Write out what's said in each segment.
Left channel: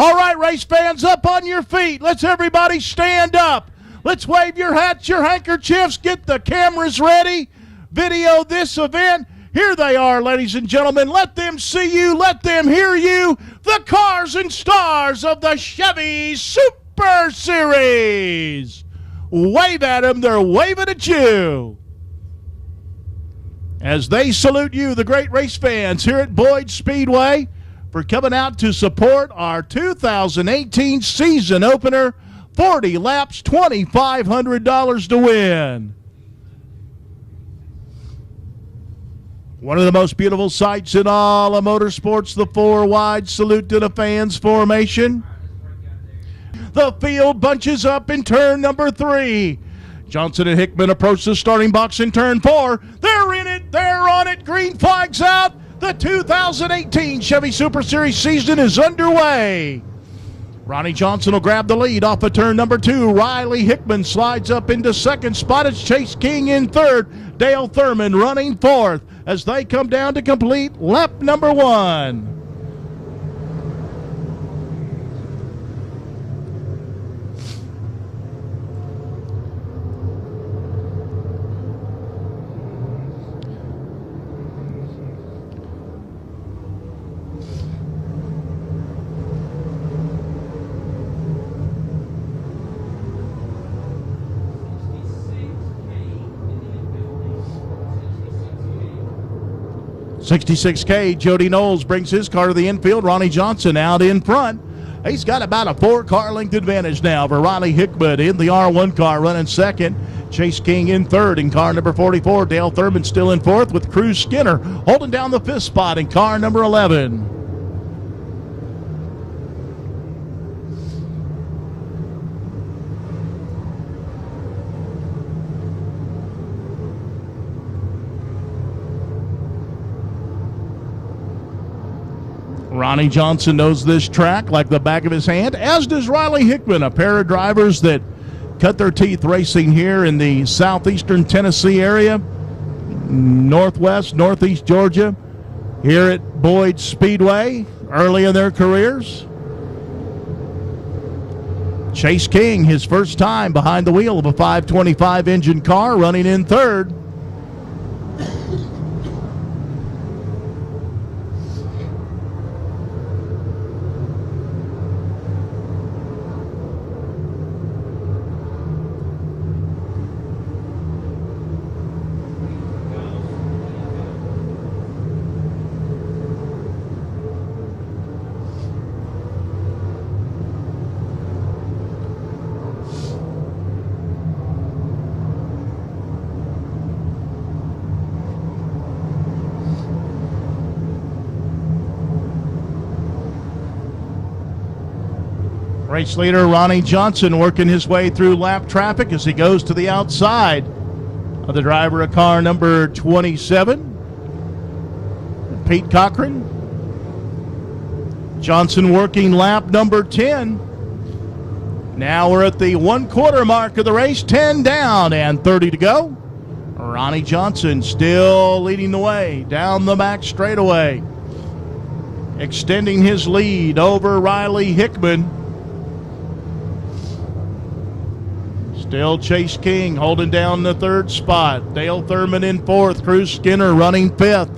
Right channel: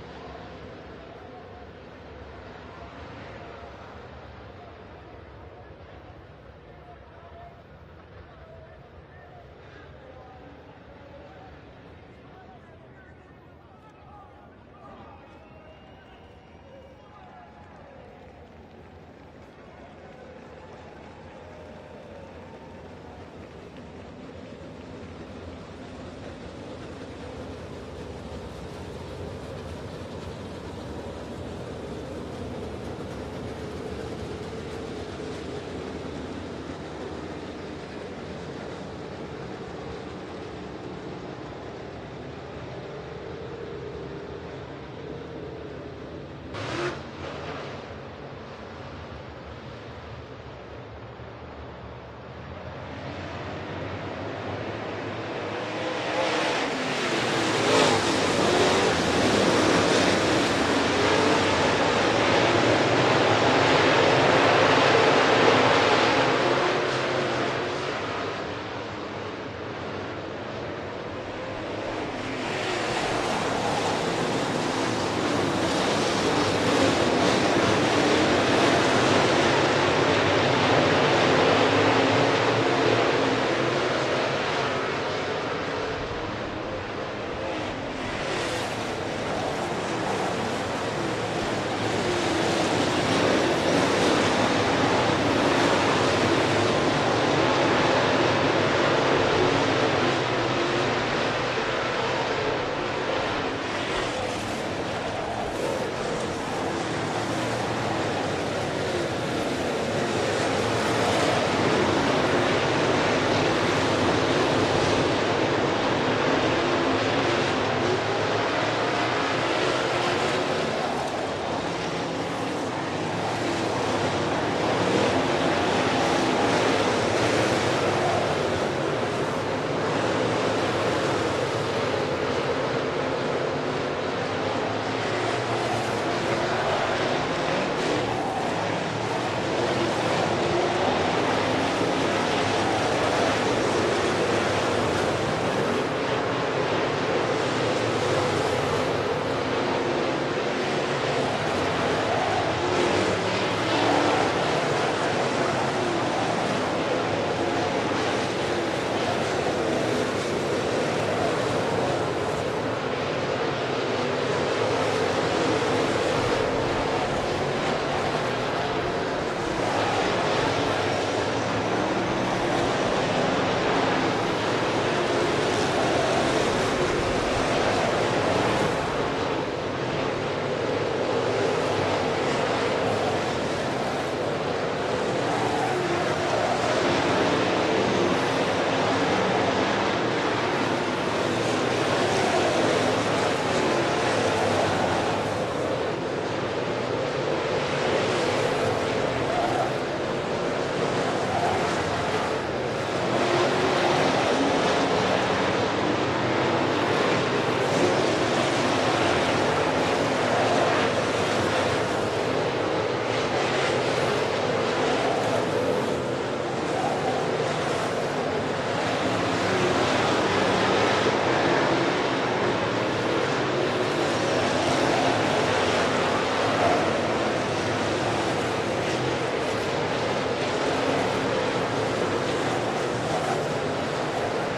All right, race fans, up on your feet. Let's everybody stand up. Let's wave your hats, your handkerchiefs, get the cameras ready. Video this event. Here they are, ladies and gentlemen. Let them see you. Let them hear you. The cars and stars of the Chevy Super Series. Wave at them. They're waving at you. As they salute you, the great race fans here at Boyd Speedway, for coming out to support our 2018 season opener. 40 laps, $2,500 to win. One of the most beautiful sights in all of motorsports, the four wide salute to the fans formation. The field bunches up in turn number 3. Johnson and Hickman approach the starting box in turn 4. They're in it, they're on it, green flags out. The 2018 Chevy Super Series season is underway. Ronnie Johnson will grab the lead off of turn number 2. Riley Hickman slides up into second spot. It's Chase King in third. Dale Thurman running fourth as they come down to complete lap number 1. .66K, Jody Knowles brings his car to the infield. Ronnie Johnson out in front. He's got about a 4-car length advantage now for Riley Hickman in the R1 car running second. Chase King in third in car number 44. Dale Thurman still in fourth with Cruz Skinner holding down the 5th spot in car number 11. Ronnie Johnson knows this track like the back of his hand, as does Riley Hickman, a pair of drivers that cut their teeth racing here in the southeastern Tennessee area, northwest, northeast Georgia, here at Boyd Speedway early in their careers. Chase King, his first time behind the wheel of a 525 engine car, running in third. Race leader Ronnie Johnson working his way through lap traffic as he goes to the outside of the driver of car number 27, Pete Cochran. Johnson working lap number 10. Now we're at the 1/4 mark of the race, 10 down and 30 to go. Ronnie Johnson still leading the way down the back straightaway, extending his lead over Riley Hickman. Still Chase King holding down the 3rd spot. Dale Thurman in 4th. Cruz Skinner running 5th.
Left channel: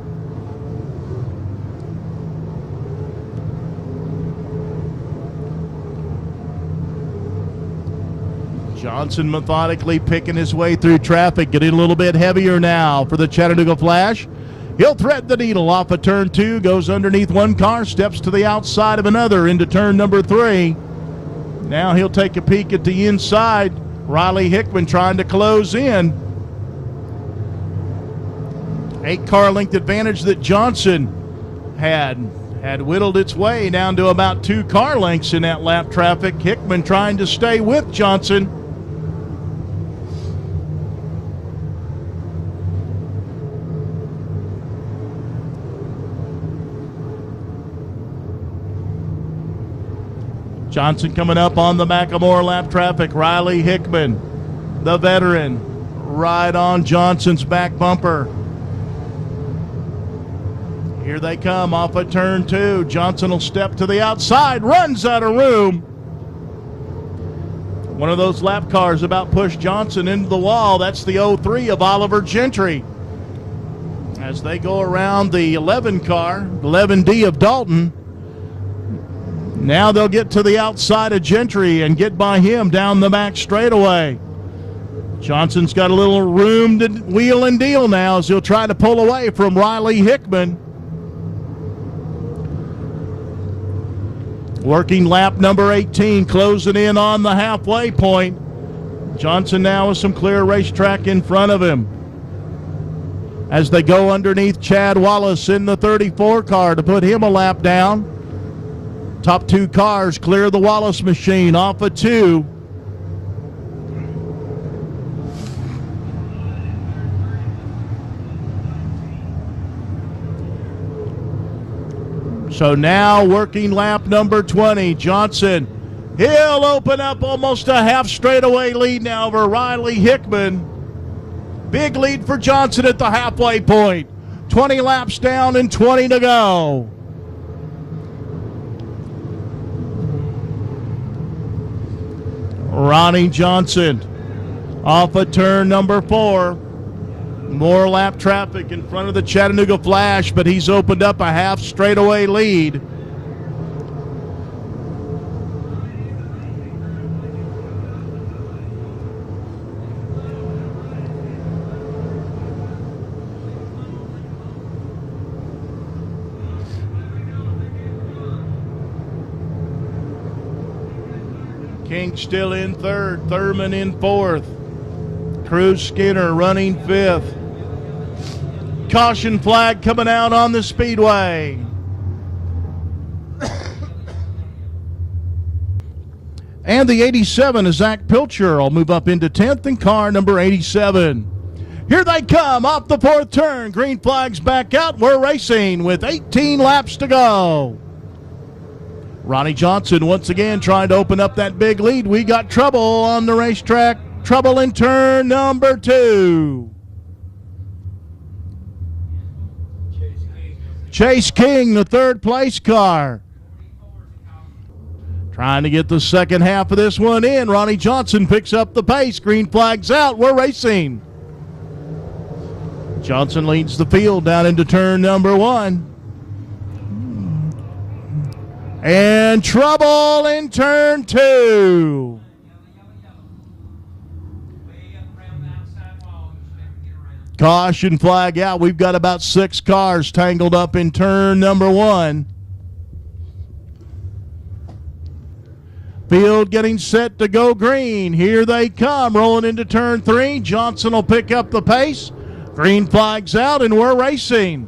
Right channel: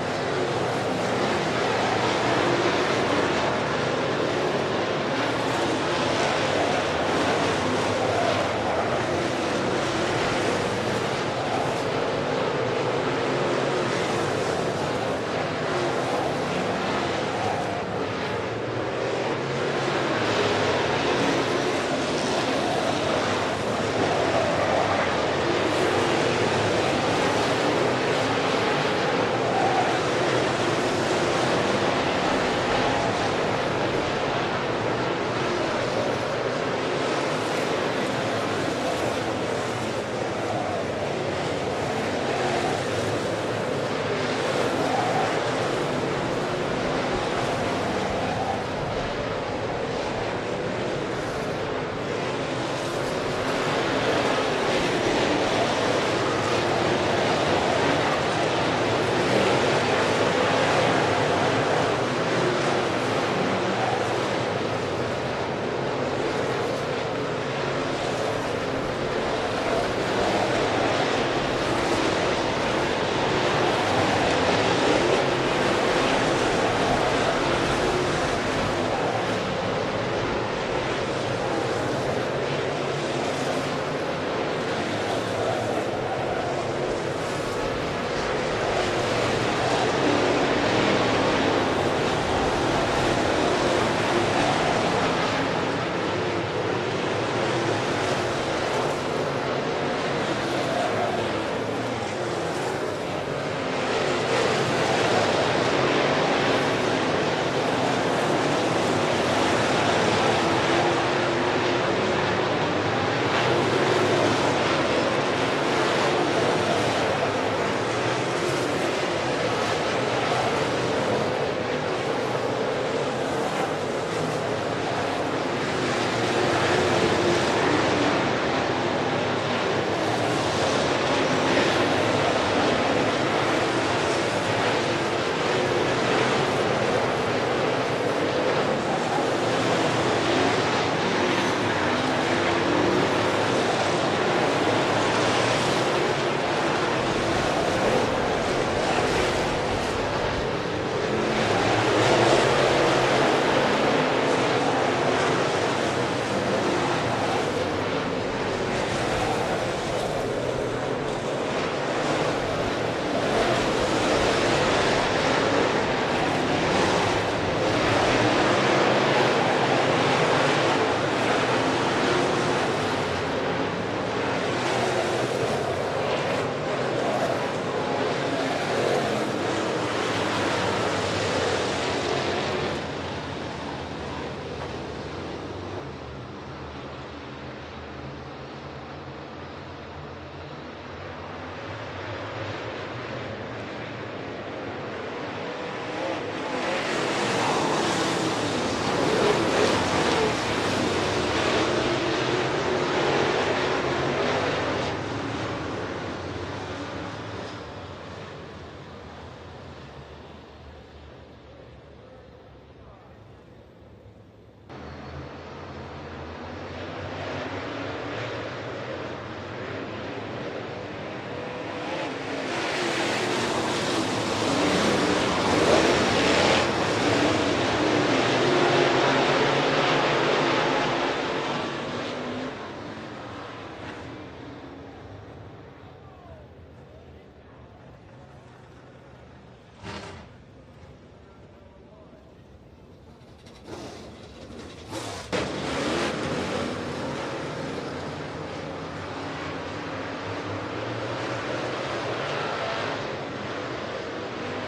Johnson methodically picking his way through traffic, getting a little bit heavier now for the Chattanooga Flash. He'll thread the needle off of turn 2, goes underneath one car, steps to the outside of another into turn number 3. Now he'll take a peek at the inside. Riley Hickman trying to close in. 8-car length advantage that Johnson had whittled its way down to about 2 car lengths in that lap traffic. Hickman trying to stay with Johnson. Johnson coming up on the Macklemore lap traffic. Riley Hickman, the veteran, right on Johnson's back bumper. Here they come off of turn 2. Johnson will step to the outside, runs out of room. One of those lap cars about pushed Johnson into the wall. That's the 03 of Oliver Gentry. As they go around the 11 car, 11D of Dalton. Now they'll get to the outside of Gentry and get by him down the back straightaway. Johnson's got a little room to wheel and deal now as he'll try to pull away from Riley Hickman. Working lap number 18, closing in on the halfway point. Johnson now with some clear racetrack in front of him. As they go underneath Chad Wallace in the 34 car to put him a lap down. Top 2 cars clear the Wallace machine off of 2. So now working lap number 20, Johnson. He'll open up almost a half straightaway lead now over Riley Hickman. Big lead for Johnson at the halfway point. 20 laps down and 20 to go. Ronnie Johnson off of turn number 4. More lap traffic in front of the Chattanooga Flash, but he's opened up a half straightaway lead. King still in 3rd, Thurman in 4th. Cruz Skinner running 5th. Caution flag coming out on the Speedway. And the 87 is Zach Pilcher. Will move up into 10th in car number 87. Here they come off the 4th turn. Green flag's back out. We're racing with 18 laps to go. Ronnie Johnson once again trying to open up that big lead. We got trouble on the racetrack. Trouble in turn number 2. Chase King, the 3rd place car. Trying to get the second half of this one in. Ronnie Johnson picks up the pace. Green flag's out. We're racing. Johnson leads the field down into turn number 1. And trouble in turn 2. Caution flag out. We've got about 6 cars tangled up in turn number 1. Field getting set to go green. Here they come, rolling into turn 3. Johnson will pick up the pace. Green flag's out, and we're racing.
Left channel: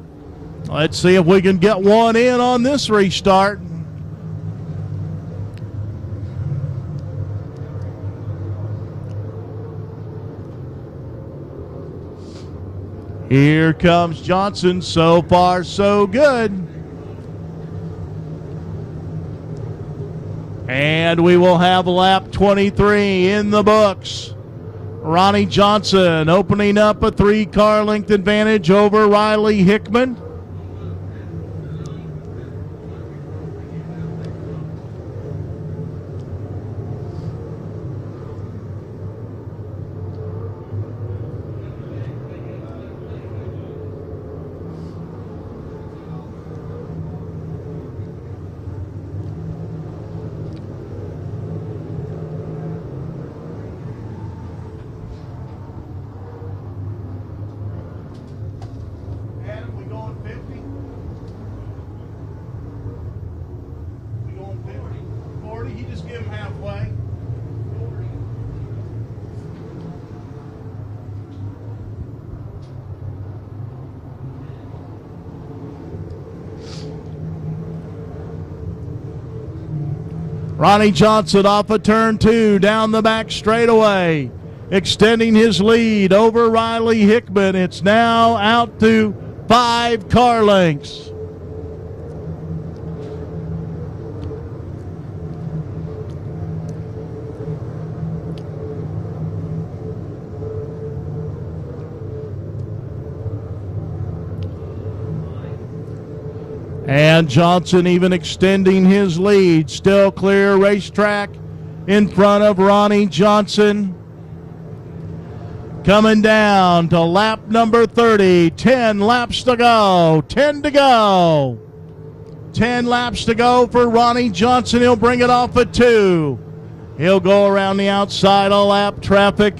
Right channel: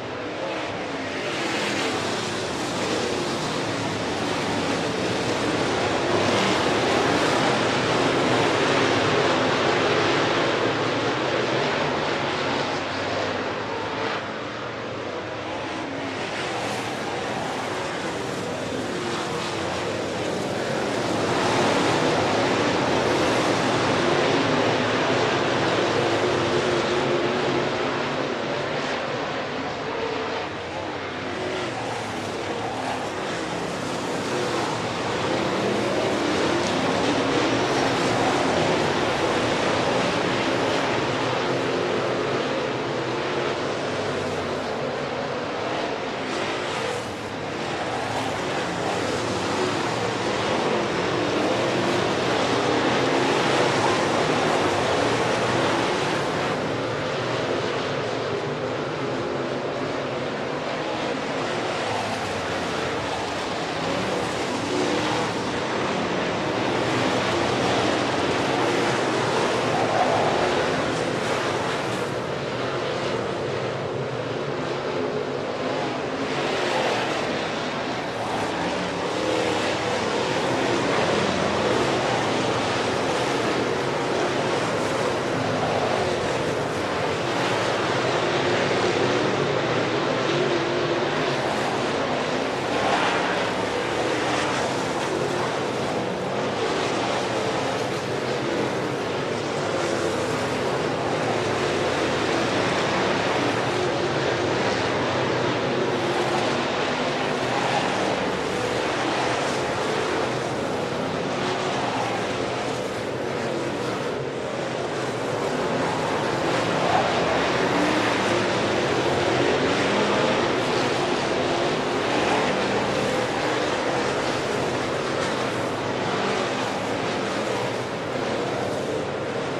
Let's see if we can get one in on this restart. Here comes Johnson. So far, so good. And we will have lap 23 in the books. Ronnie Johnson opening up a 3-car length advantage over Riley Hickman. Ronnie Johnson off of turn 2 down the back straightaway, extending his lead over Riley Hickman. It's now out to 5 car lengths. And Johnson even extending his lead. Still clear racetrack in front of Ronnie Johnson. Coming down to lap number 30. 10 laps to go. 10 to go. 10 laps to go for Ronnie Johnson. He'll bring it off at 2. He'll go around the outside of lap traffic.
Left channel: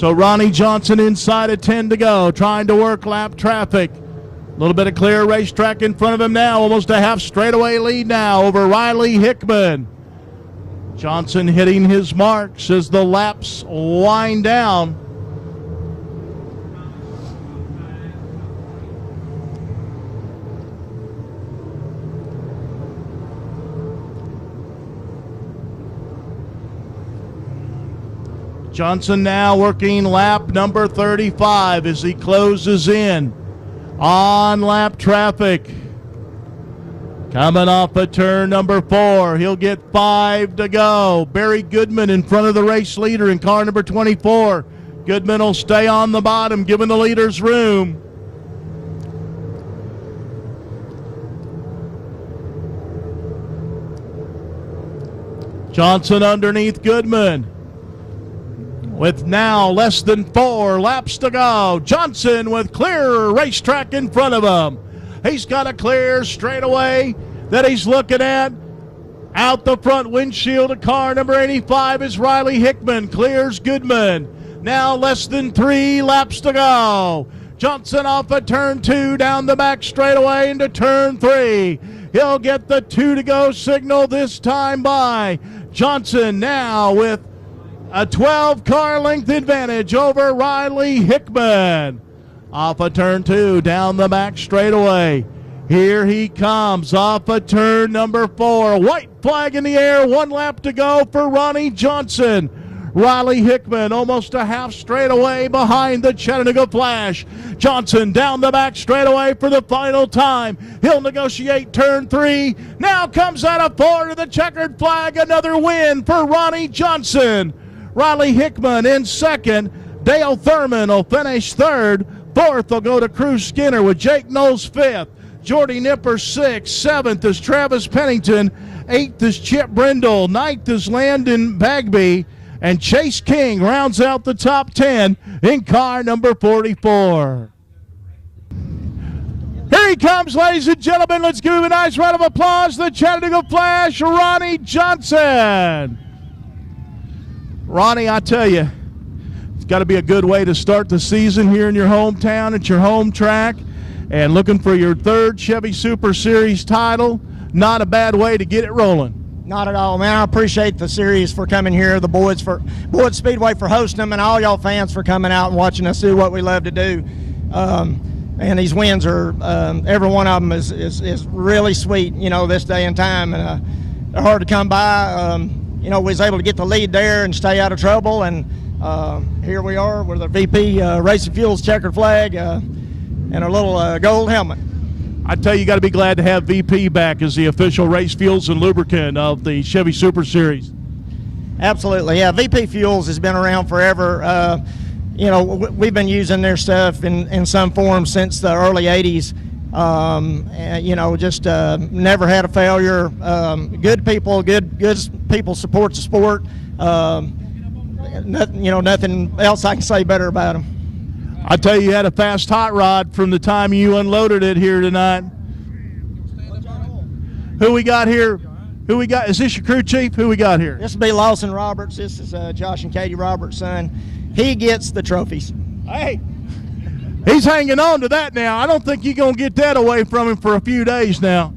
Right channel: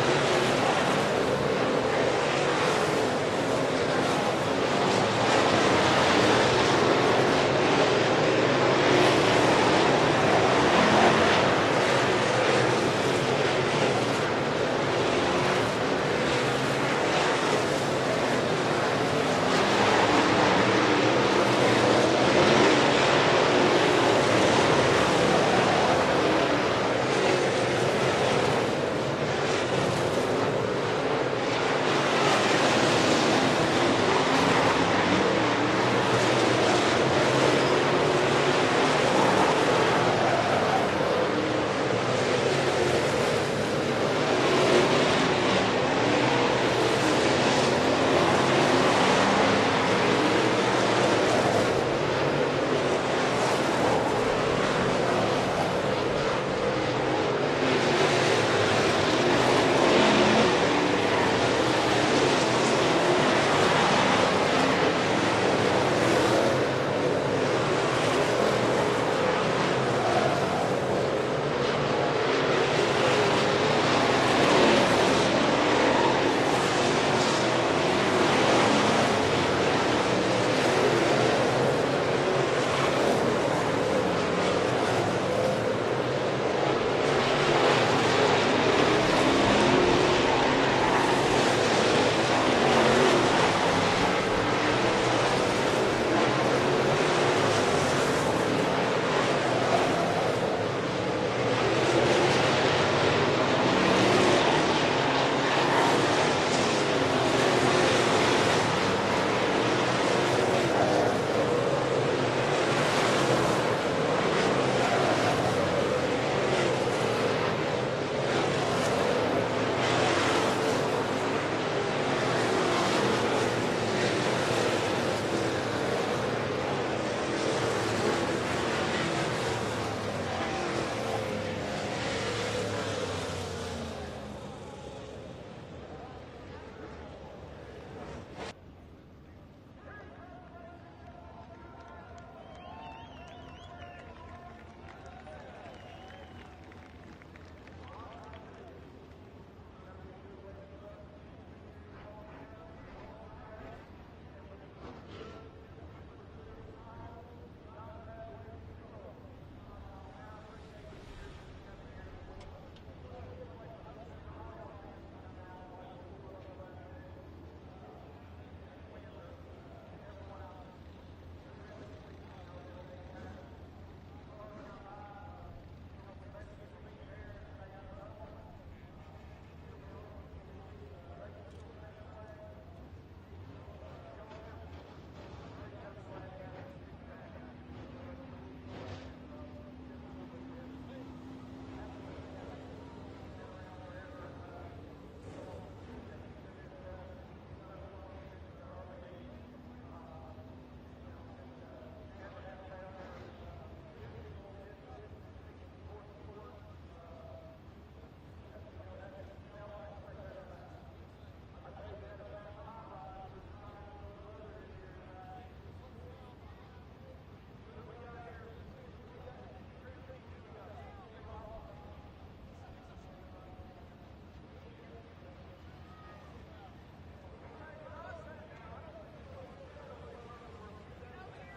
So Ronnie Johnson inside at 10 to go, trying to work lap traffic. A little bit of clear racetrack in front of him now, almost a half straightaway lead now over Riley Hickman. Johnson hitting his marks as the laps wind down. Johnson now working lap number 35 as he closes in on lap traffic. Coming off of turn number 4, he'll get 5 to go. Barry Goodman in front of the race leader in car number 24. Goodman will stay on the bottom, giving the leaders room. Johnson underneath Goodman. With now less than 4 laps to go. Johnson with clear racetrack in front of him. He's got a clear straightaway that he's looking at. Out the front windshield of car number 85 is Riley Hickman. Clears Goodman. Now less than 3 laps to go. Johnson off of turn 2 down the back straightaway into turn 3. He'll get the 2 to go signal this time by Johnson now with a 12-car length advantage over Riley Hickman. Off of turn 2, down the back straightaway. Here he comes off of turn number 4. White flag in the air, 1 lap to go for Ronnie Johnson. Riley Hickman almost a half straightaway behind the Chattanooga Flash. Johnson down the back straightaway for the final time. He'll negotiate turn 3. Now comes out of 4 to the checkered flag. Another win for Ronnie Johnson. Riley Hickman in second. Dale Thurman will finish third. Fourth will go to Cruz Skinner with Jake Knowles fifth. Jordy Nipper sixth. Seventh is Travis Pennington. Eighth is Chip Brindle. Ninth is Landon Bagby. And Chase King rounds out the top 10 in car number 44. Here he comes, ladies and gentlemen. Let's give him a nice round of applause. The Chattanooga Flash, Ronnie Johnson. Ronnie, I tell you, it's got to be a good way to start the season here in your hometown at your home track, and looking for your 3rd Chevy Super Series title. Not a bad way to get it rolling. Not at all, man. I appreciate the series for coming here, the Boyd Speedway for hosting them, and all y'all fans for coming out and watching us do what we love to do. And these wins are, every one of them is really sweet, you know, this day and time, and they're hard to come by. You know, we was able to get the lead there and stay out of trouble, and here we are with the VP Racing Fuels checkered flag and a little gold helmet. I tell you, you got to be glad to have VP back as the official race fuels and lubricant of the Chevy Super Series. Absolutely, yeah. VP Fuels has been around forever. You know, we've been using their stuff in some form since the early 80s. You know, just never had a failure. Good people support the sport. You know, nothing else I can say better about them. I tell you, you had a fast hot rod from the time you unloaded it here tonight. Who we got here? Who we got? Is this your crew chief? Who we got here? This will be Lawson Roberts. This is Josh and Katie Roberts' son. He gets the trophies. Hey, he's hanging on to that now. I don't think you're going to get that away from him for a few days now.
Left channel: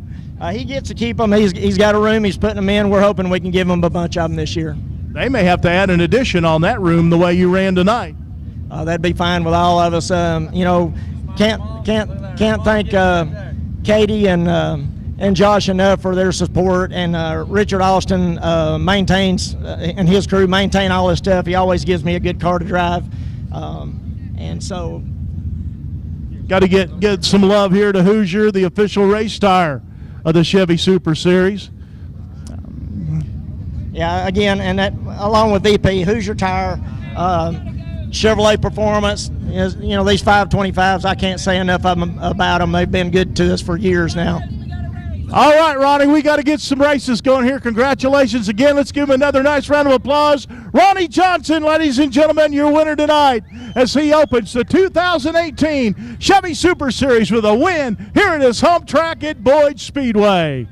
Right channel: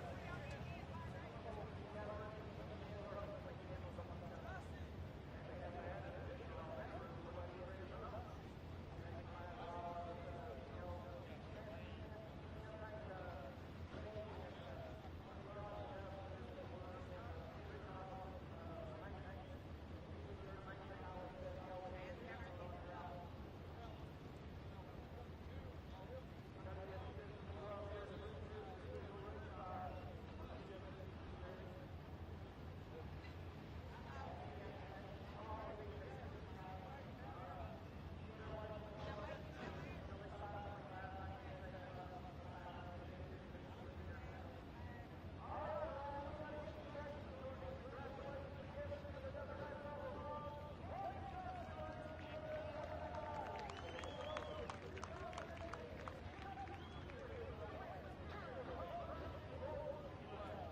He gets to keep them. He's got a room. He's putting them in. We're hoping we can give him a bunch of them this year. They may have to add an addition on that room the way you ran tonight. That'd be fine with all of us. You know, can't thank Katie and Josh enough for their support. And Richard Austin maintains and his crew maintain all this stuff. He always gives me a good car to drive. And so, got to get some love here to Hoosier, the official race tire of the Chevy Super Series. yeah, again, and that along with VP, Hoosier Tire, Chevrolet Performance, is, you know, these 525s, I can't say enough of them, about them. They've been good to us for years now. All right, Ronnie, we got to get some races going here. Congratulations again. Let's give him another nice round of applause. Ronnie Johnson, ladies and gentlemen, your winner tonight as he opens the 2018 Chevy Super Series with a win here at his home track at Boyd Speedway.